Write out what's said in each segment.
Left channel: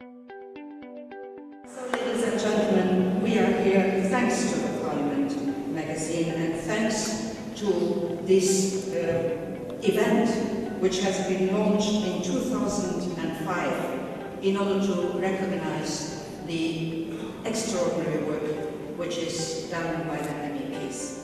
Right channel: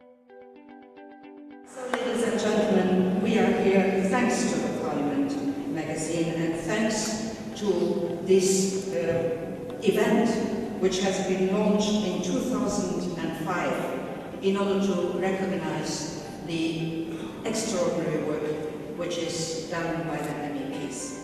So, ladies and gentlemen, we are here thanks to the Parliament magazine and thanks to this event, which has been launched in 2005 in order to recognize the extraordinary work which is done by the MEPs.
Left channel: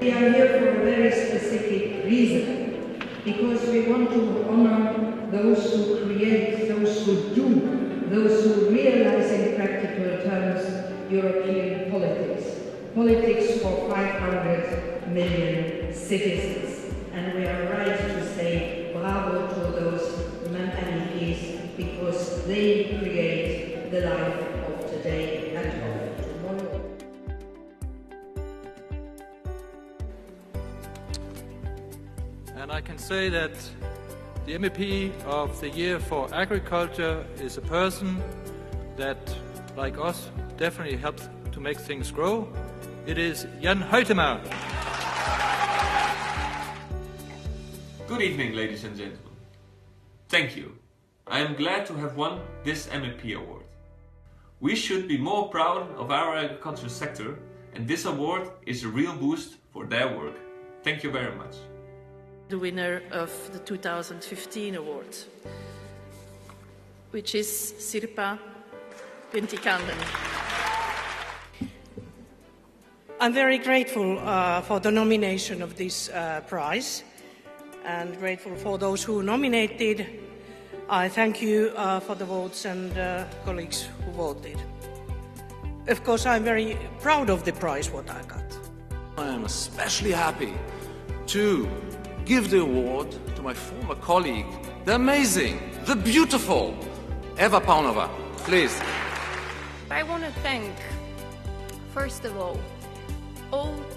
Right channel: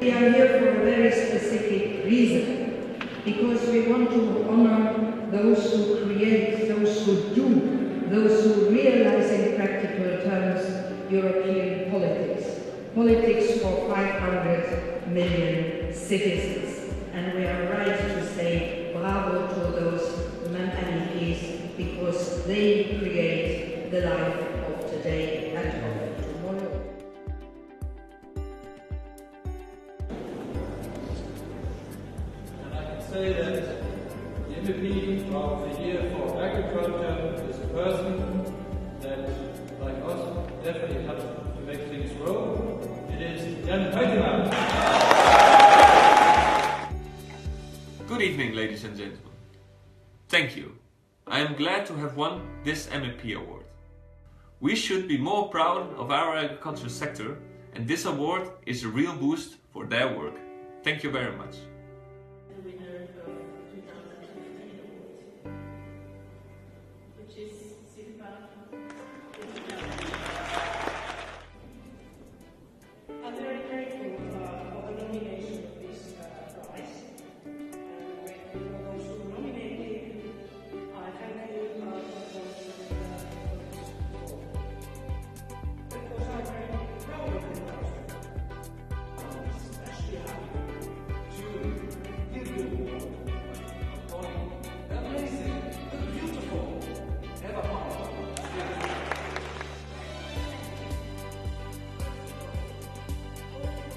We are here for a very specific reason, because we want to honor those who create, those who do, those who realize in practical terms European politics. Politics for 500 million citizens. And we are right to say bravo to those MEPs, because they create the life of today and of tomorrow. And I can say that the MEP of the Year for Agriculture is a person that, like us, definitely helps to make things grow. It is Jan Huytema. Good evening, ladies and gentlemen. Thank you. I am glad to have won this MEP award. We should be more proud of our agriculture sector, and this award is a real boost for their work. Thank you very much. The winner of the 2015 award, which is Sirpa Pentikanen. I'm very grateful for the nomination of this prize, and grateful for those who nominated. I thank you for the votes and colleagues who voted. Of course, I'm very proud of the prize what I got. I am especially happy to give the award to my former colleague, the amazing, the beautiful Eva Paunova. Please. I want to thank, first of all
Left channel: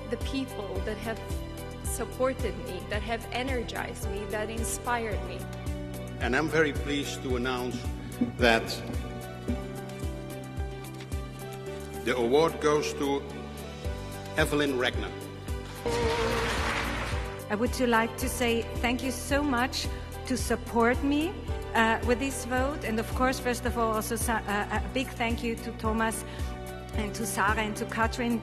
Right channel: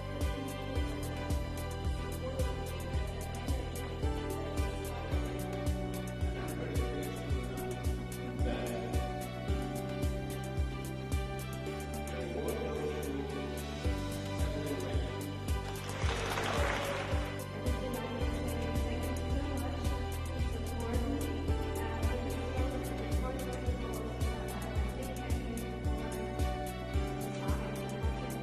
the people that have supported me, that have energized me, that inspired me. And I'm very pleased to announce that the award goes to Evelyn Regner. I would like to say thank you so much to support me with this vote, and of course, first of all, also a big thank you to Thomas and to Sarah and to Katrin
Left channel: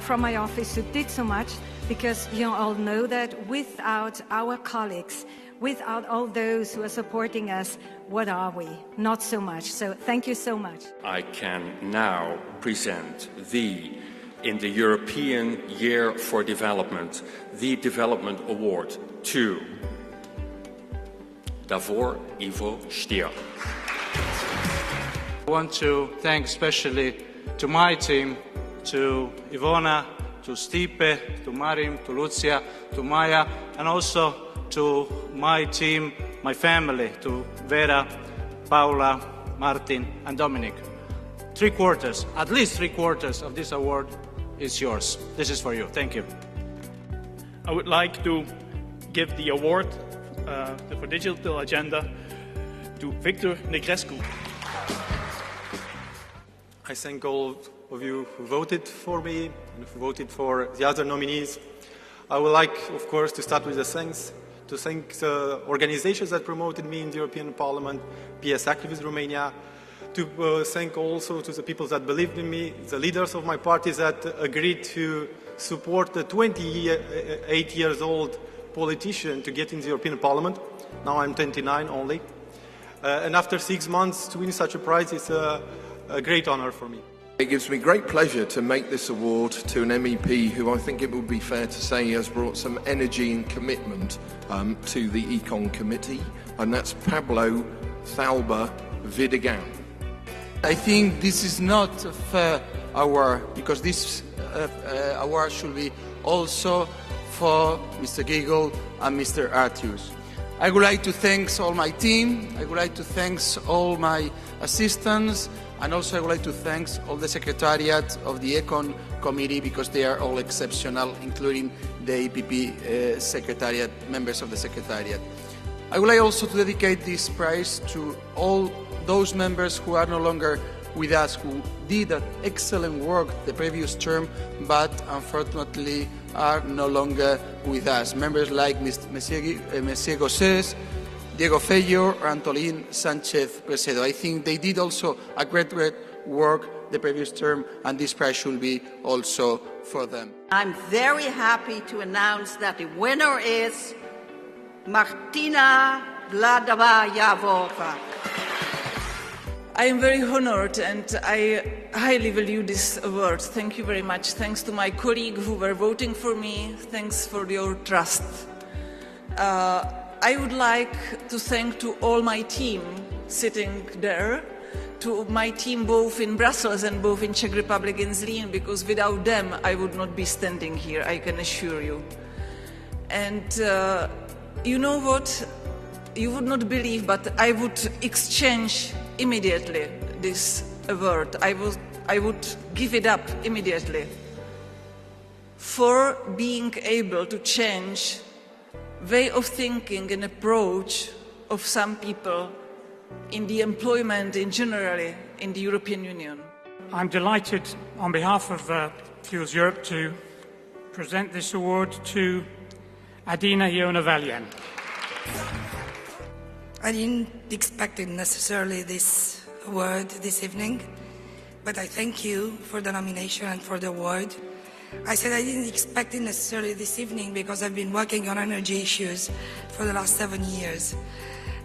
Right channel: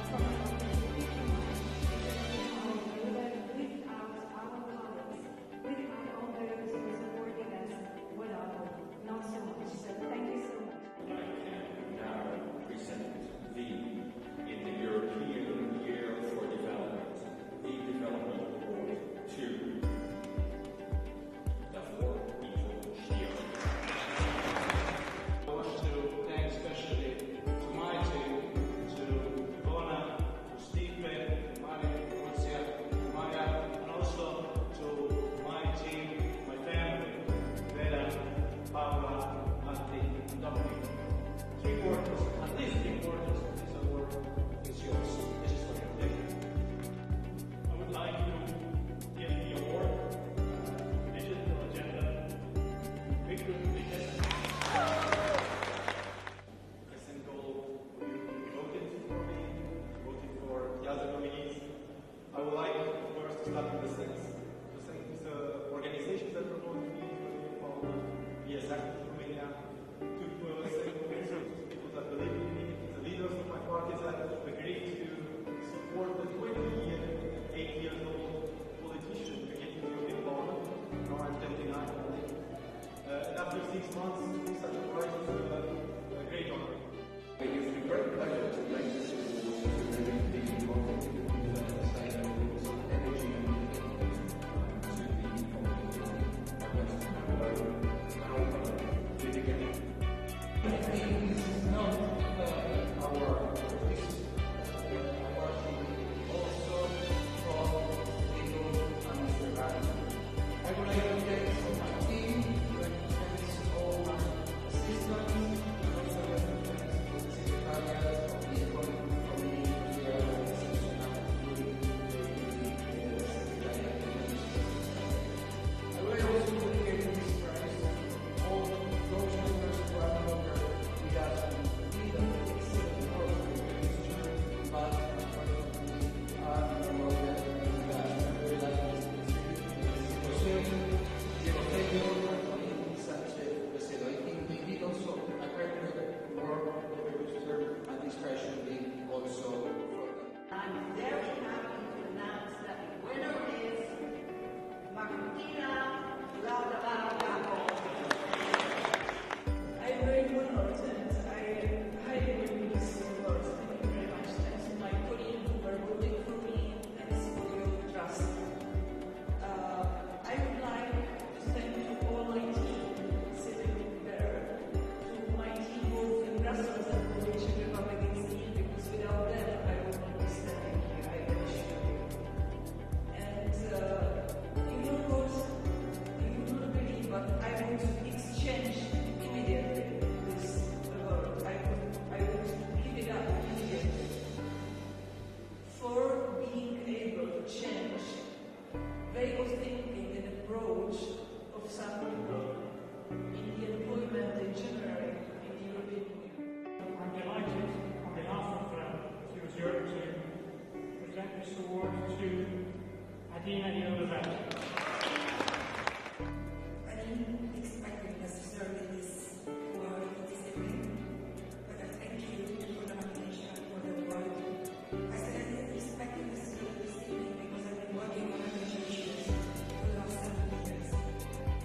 from my office who did so much, because you all know that without our colleagues, without all those who are supporting us, what are we? Not so much. So thank you so much. I can now present in the European Year for Development, the Development Award to Davor Ivo Stier. I want to thank especially to my team, to Ivona, to Stipe, to Marim, to Lucia, to Maya, and also to my team, my family, to Vera, Paula, Martin, and Dominic. At least three quarters of this award is yours. This is for you. Thank you. I would like to give the award for Digital Agenda to Victor Negrescu. I thank all of you who voted for me and who voted for the other nominees. I would like, of course, to start with the thanks, to thank the organizations that promoted me in the European Parliament, PS Activist Romania, to thank also to the people that believed in me, the leaders of my party that agreed to support the 28 years old politician to get in the European Parliament. Now I'm 29 only. And after 6 months to win such a prize is a great honor for me. It gives me great pleasure to make this award to an MEP who I think it would be fair to say has brought some energy and commitment to the Econ Committee, and that's Pablo Thalba Vidigan. I think this is not a fair award, because this award should be also for Mr. Giegold and Mr. Artius. I would like to thank all my team, I would like to thank all my assistants, and also I would like to thank all the Secretariat of the Econ Committee, because they are all exceptional, including the EPP Secretariat, members of the Secretariat. I would like also to dedicate this prize to all those members who are no longer with us, who did an excellent work the previous term, but unfortunately are no longer with us. Members like Monsieur Gosses, Diego Feio, or Antolín Sánchez Presedo. I think they did also a great work the previous term, and this prize should be also for them. I'm very happy to announce that the winner is Martina Vladova-Javova. I am very honored and I highly value this award. Thank you very much. Thanks to my colleagues who were voting for me. Thanks for your trust. I would like to thank to all my team sitting there, to my team both in Brussels and both in Czech Republic and Zlín, because without them I would not be standing here, I can assure you. And you know what? You would not believe, but I would exchange immediately this award. I would give it up immediately for being able to change way of thinking and approach of some people in the employment in generally in the European Union. I'm delighted on behalf of Fuels Europe to present this award to Adina Ionavalian. I didn't expect necessarily this award this evening, but I thank you for the nomination and for the award. I said I didn't expect it necessarily this evening because I've been working on energy issues for the last 7 years,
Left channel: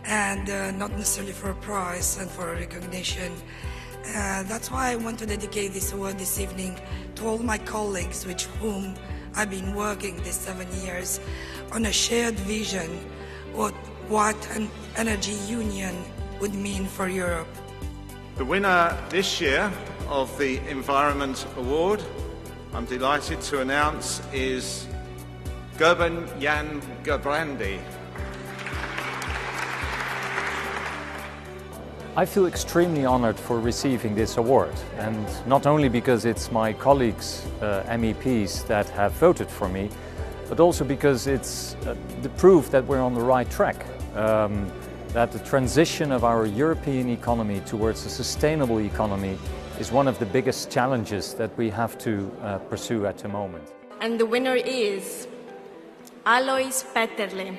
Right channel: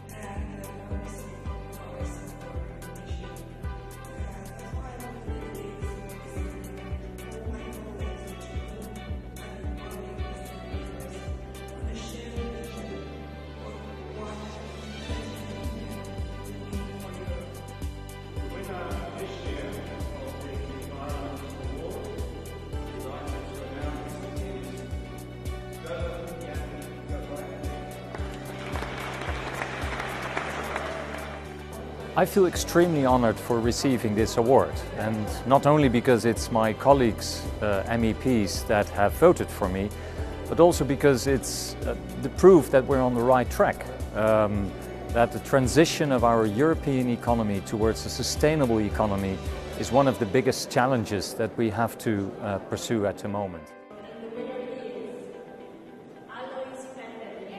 and not necessarily for a prize and for a recognition. That's why I want to dedicate this award this evening to all my colleagues with whom I've been working these 7 years on a shared vision of what an energy union would mean for Europe. The winner this year of the Environment Award, I'm delighted to announce, is Gerben Jan Gebrandi. I feel extremely honored for receiving this award, and not only because it's my colleagues, MEPs, that have voted for me, but also because it's the proof that we're on the right track, that the transition of our European economy towards a sustainable economy is one of the biggest challenges that we have to pursue at the moment. And the winner is Alois Peterle.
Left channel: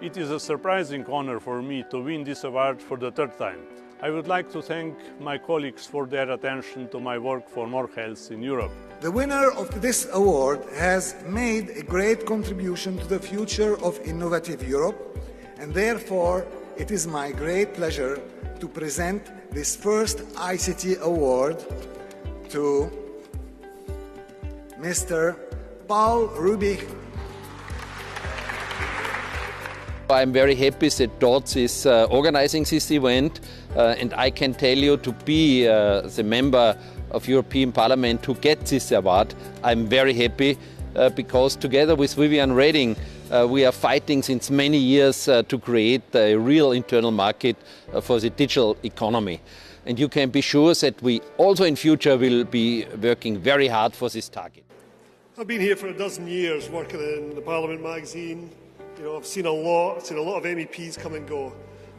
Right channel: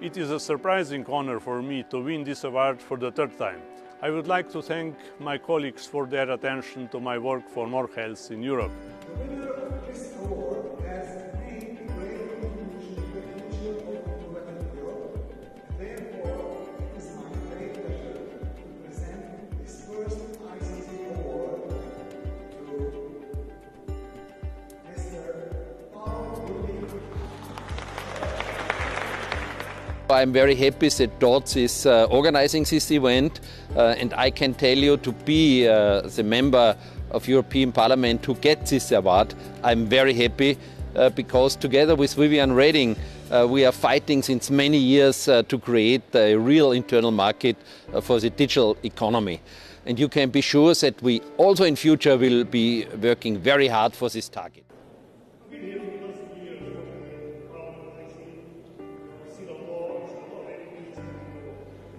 It is a surprising honor for me to win this award for the third time. I would like to thank my colleagues for their attention to my work for more health in Europe. The winner of this award has made a great contribution to the future of innovative Europe, and therefore it is my great pleasure to present this first ICT award to Mr. Paul Rubig. I'm very happy that DOTS is organizing this event, and I can tell you, to be the member of European Parliament to get this award, I'm very happy because together with Viviane Reding we are fighting since many years to create a real internal market for the digital economy. And you can be sure that we also in future will be working very hard for this target. I've been here for a dozen years working in the Parliament magazine. I've seen a lot of MEPs come and go,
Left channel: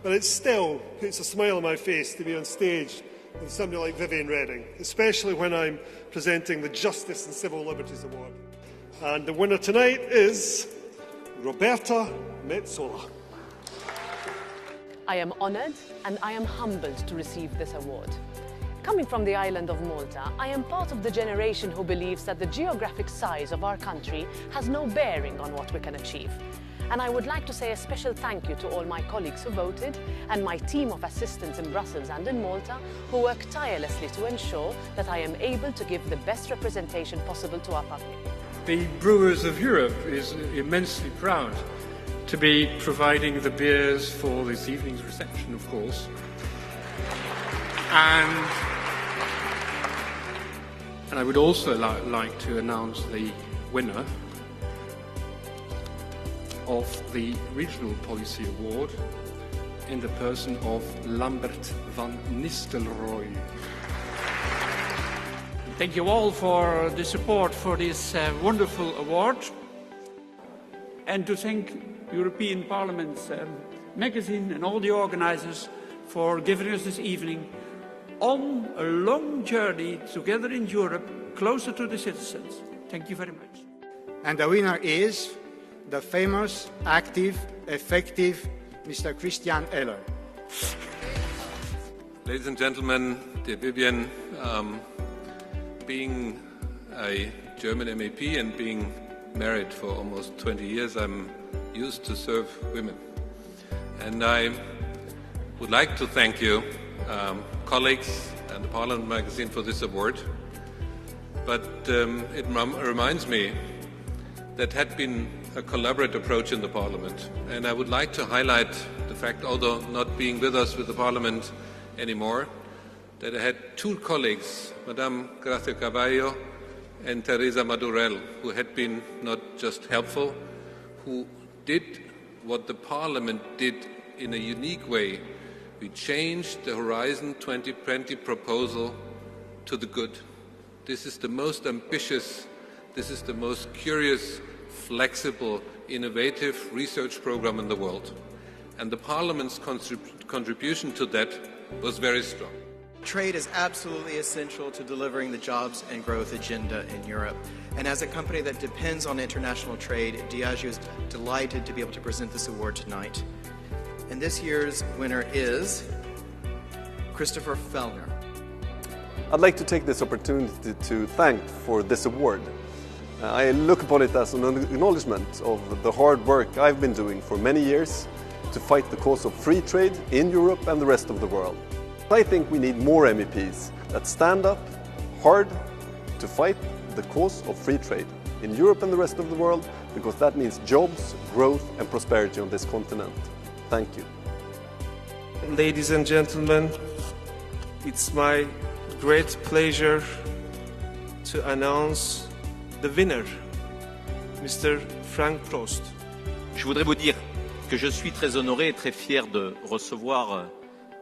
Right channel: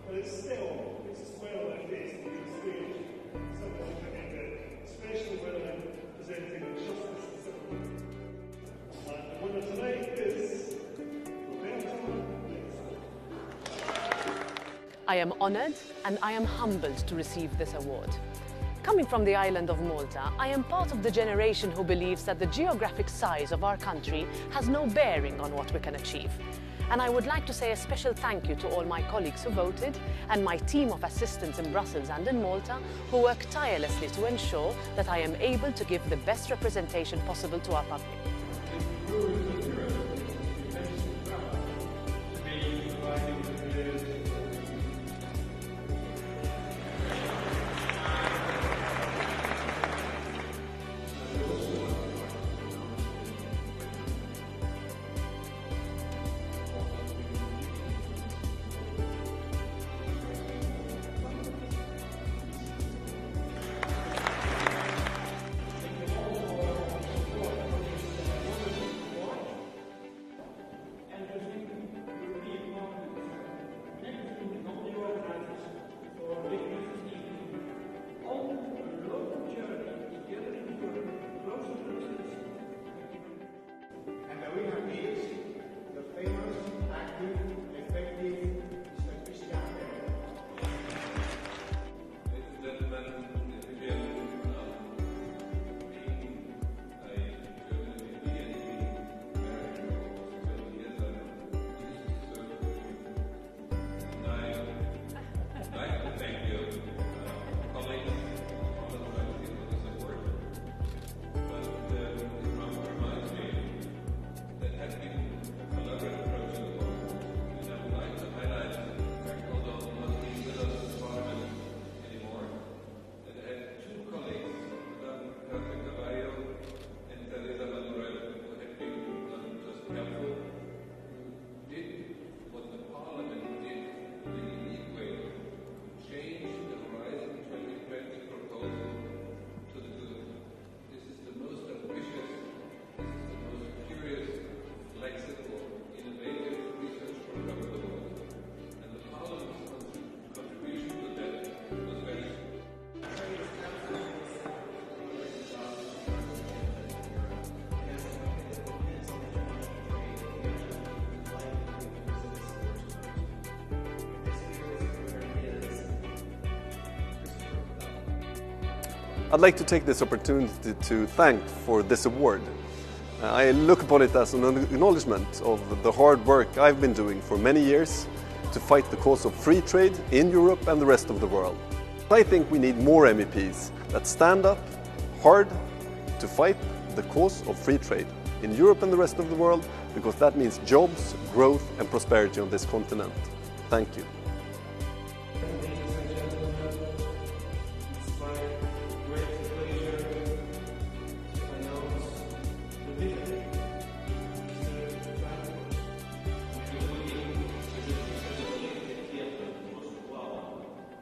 but it still puts a smile on my face to be on stage with somebody like Viviane Reding, especially when I'm presenting the Justice and Civil Liberties Award. And the winner tonight is Roberta Metsola. I am honoured and I am humbled to receive this award. Coming from the island of Malta, I am part of the generation who believes that the geographic size of our country has no bearing on what we can achieve. And I would like to say a special thank you to all my colleagues who voted and my team of assistants in Brussels and in Malta who work tirelessly to ensure that I am able to give the best representation possible to our public. The Brewers of Europe is immensely proud to be providing the beers for this evening's reception, of course. And I would also like to announce the winner of the Regional Policy Award in the person of Lambert van Nistelrooy. Thank you all for the support for this wonderful award, and to thank European Parliament's magazine and all the organisers for giving us this evening on a long journey together in Europe, closer to the citizens. Thank you very much. And the winner is the famous, active, effective Mr. Christian Eller. Ladies and gentlemen, dear Vivian, being a German MEP and being married for almost 20 years, I'm used to serve women. And I would like to thank you, colleagues and the Parliament magazine, for this award. But it reminds me that had been a collaborative approach in the Parliament. And I would like to highlight the fact, although not being with us with the Parliament anymore, that I had two colleagues, Madame Gracia Carvalho and Teresa Madurell, who had been not just helpful, who did what the Parliament did in a unique way. We changed the Horizon 2020 proposal to the good. This is the most ambitious, this is the most curious, flexible, innovative research program in the world. And the Parliament's contribution to that was very strong. Trade is absolutely essential to delivering the jobs and growth agenda in Europe. And as a company that depends on international trade, Diageo is delighted to be able to present this award tonight. And this year's winner is Christopher Fellner. I'd like to take this opportunity to thank for this award. I look upon it as an acknowledgement of the hard work I've been doing for many years to fight the cause of free trade in Europe and the rest of the world. I think we need more MEPs that stand up hard to fight the cause of free trade in Europe and the rest of the world, because that means jobs, growth and prosperity on this continent. Thank you. Ladies and gentlemen, it's my great pleasure to announce the winner, Mr. Frank Prost. Je voudrais vous dire que je suis très honoré et très fier de recevoir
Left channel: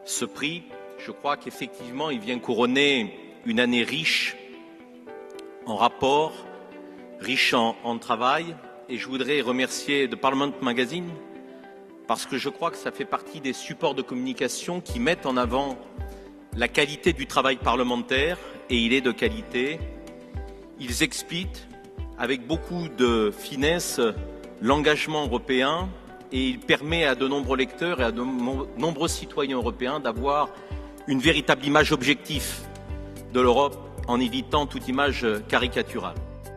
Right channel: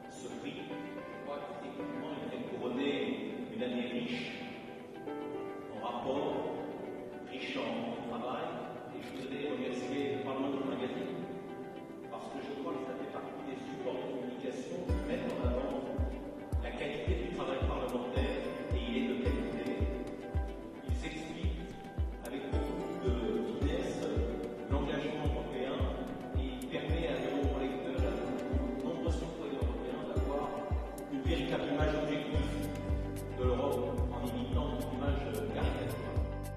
ce prix. Je crois qu'effectivement, il vient couronner une année riche en rapports, riche en travail. Et je voudrais remercier The Parliament Magazine parce que je crois que ça fait partie des supports de communication qui mettent en avant la qualité du travail parlementaire, et il est de qualité. Ils expliquent avec beaucoup de finesse l'engagement européen, et il permet à de nombreux lecteurs et à de nombreux citoyens européens d'avoir une véritable image objective de l'Europe en évitant toute image caricaturale.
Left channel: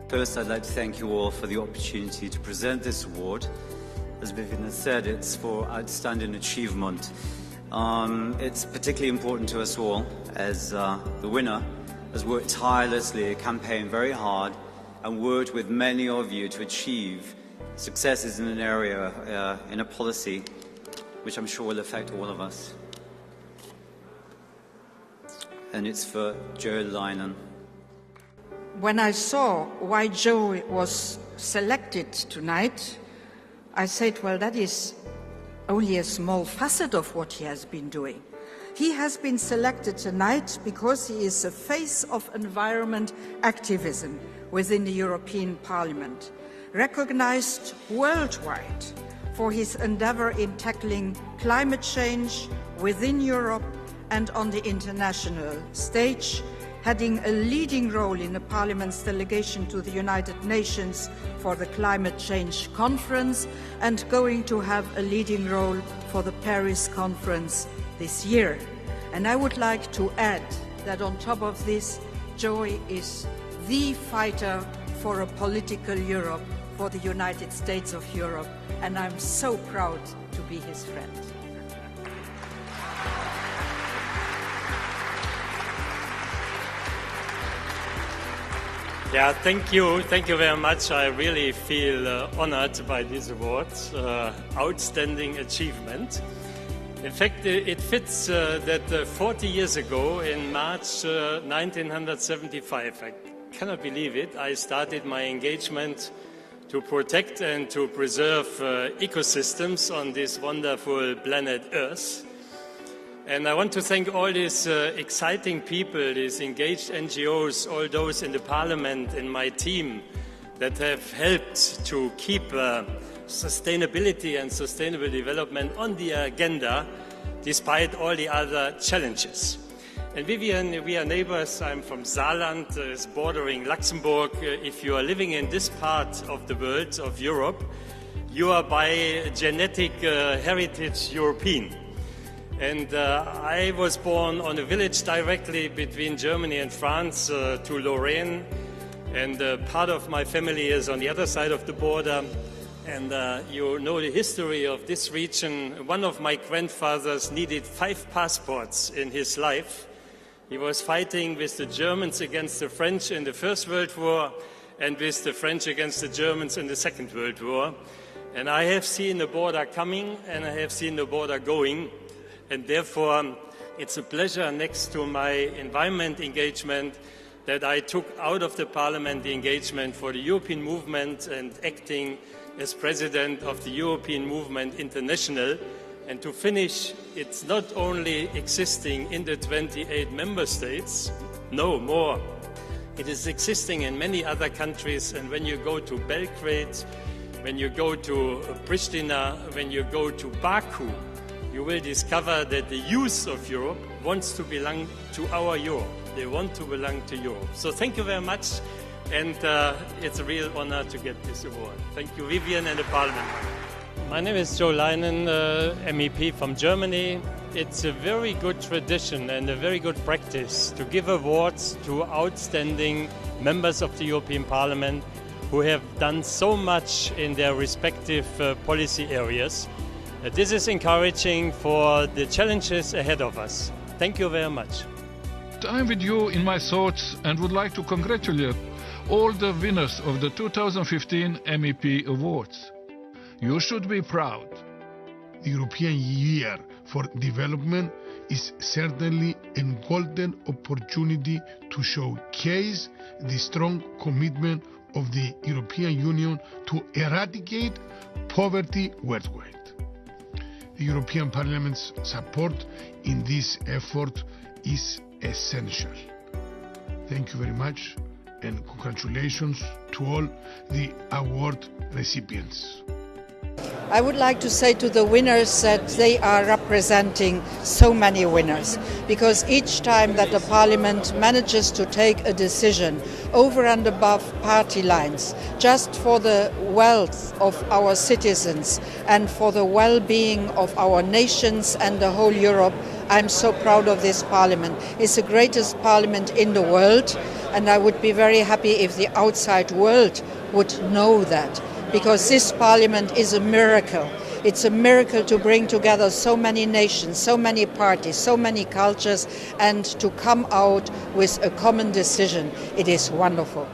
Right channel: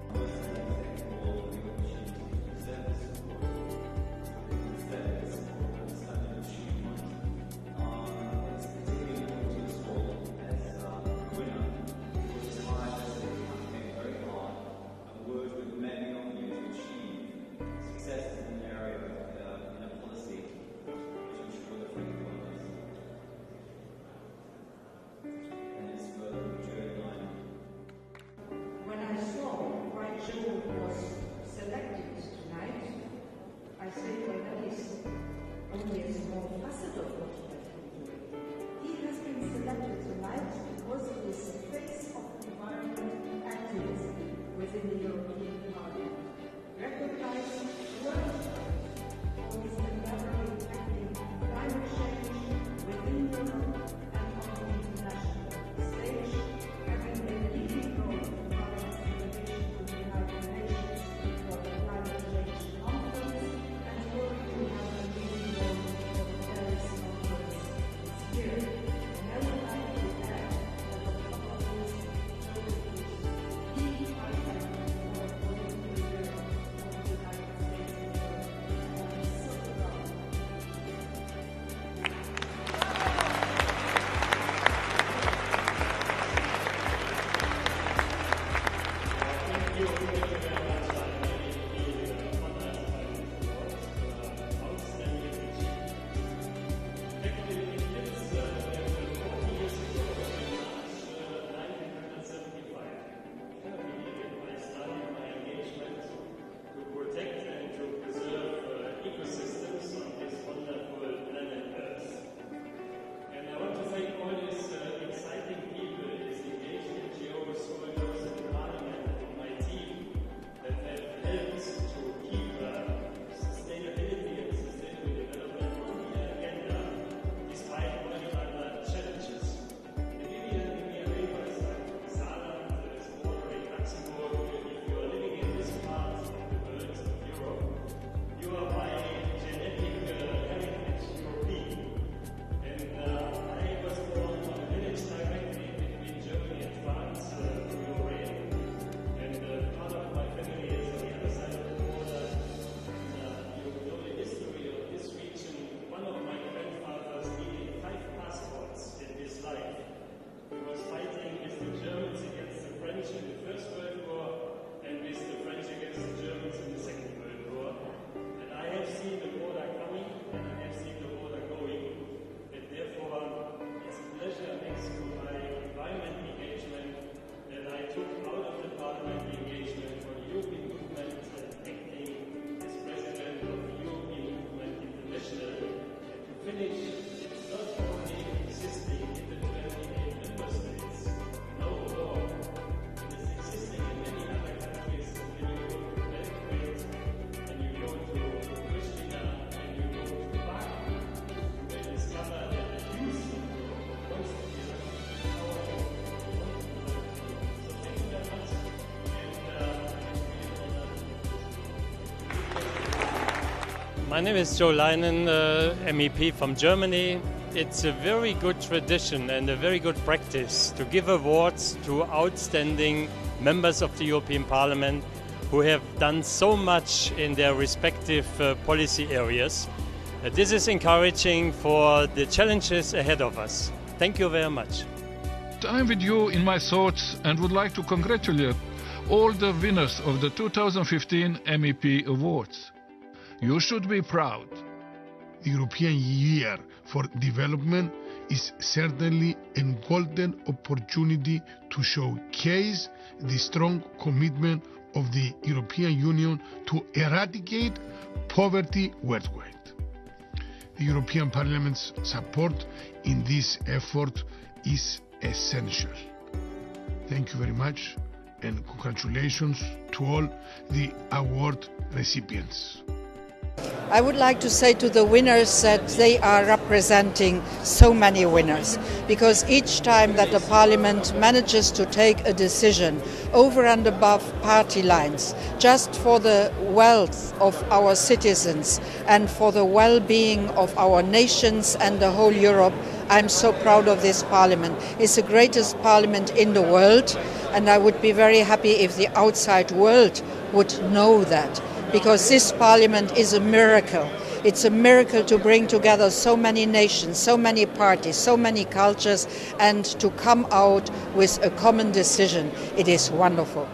First, I'd like to thank you all for the opportunity to present this award. As Vivian has said, it's for outstanding achievement. It's particularly important to us all as the winner has worked tirelessly, campaigned very hard, and worked with many of you to achieve successes in an area, in a policy, which I'm sure will affect all of us. And it's for Joe Leinen. When I saw why Joe was selected tonight, I said, well, that is only a small facet of what he has been doing. He has been selected tonight because he is a face of environment activism within the European Parliament, recognized worldwide for his endeavor in tackling climate change within Europe and on the international stage, having a leading role in the Parliament's delegation to the United Nations for the Climate Change Conference, and going to have a leading role for the Paris Conference this year. And I would like to add that on top of this, Joe is the fighter for a political Europe, for the United States of Europe, and I'm so proud to be his friend. Yeah, thank you very much. I really feel honored by this award. Outstanding achievement. In fact, it fits that 40 years ago, in March 1975, I cannot believe it, I started my engagement to protect and to preserve ecosystems on this wonderful planet Earth. And I want to thank all these exciting people, these engaged NGOs, all those in the Parliament and my team that have helped to keep sustainability and sustainable development on the agenda despite all the other challenges. And Vivian, we are neighbors. I'm from Saarland, it's bordering Luxembourg. If you are living in this part of the world, of Europe, you are by genetic heritage European. And I was born on a village directly between Germany and France, to Lorraine. And part of my family is on the other side of the border. And you know the history of this region. One of my grandfathers needed 5 passports in his life. He was fighting with the Germans against the French in the First World War and with the French against the Germans in the Second World War. And I have seen the border coming and I have seen the border going. And therefore, it's a pleasure next to my environment engagement that I took out of the Parliament the engagement for the European movement and acting as president of the European Movement International. And to finish, it's not only existing in the 28 member states, no more. It is existing in many other countries, and when you go to Belgrade, when you go to Pristina, when you go to Baku, you will discover that the youth of Europe wants to belong to our Europe. They want to belong to Europe. So thank you very much, and it's a real honor to get this award. Thank you, Vivian and the Parliament. My name is Joe Leinen, MEP from Germany. It's a very good tradition and a very good practice to give awards to outstanding members of the European Parliament who have done so much in their respective policy areas. This is encouraging for the challenges ahead of us. Thank you very much. I'm with you in my thoughts and would like to congratulate all the winners of the 2015 MEP Awards. You should be proud. The European Year for Development is certainly a golden opportunity to showcase the strong commitment of the European Union to eradicate poverty worldwide. The European Parliament's support in this effort is essential. Thank you very much, and congratulations to all the award recipients. I would like to say to the winners that they are representing so many winners, because each time that the Parliament manages to take a decision over and above party lines, just for the wealth of our citizens and for the well-being of our nations and the whole Europe, I'm so proud of this Parliament. It's the greatest Parliament in the world, and I would be very happy if the outside world would know that. Because this Parliament is a miracle. It's a miracle to bring together so many nations, so many parties, so many cultures, and to come out with a common decision. It is wonderful.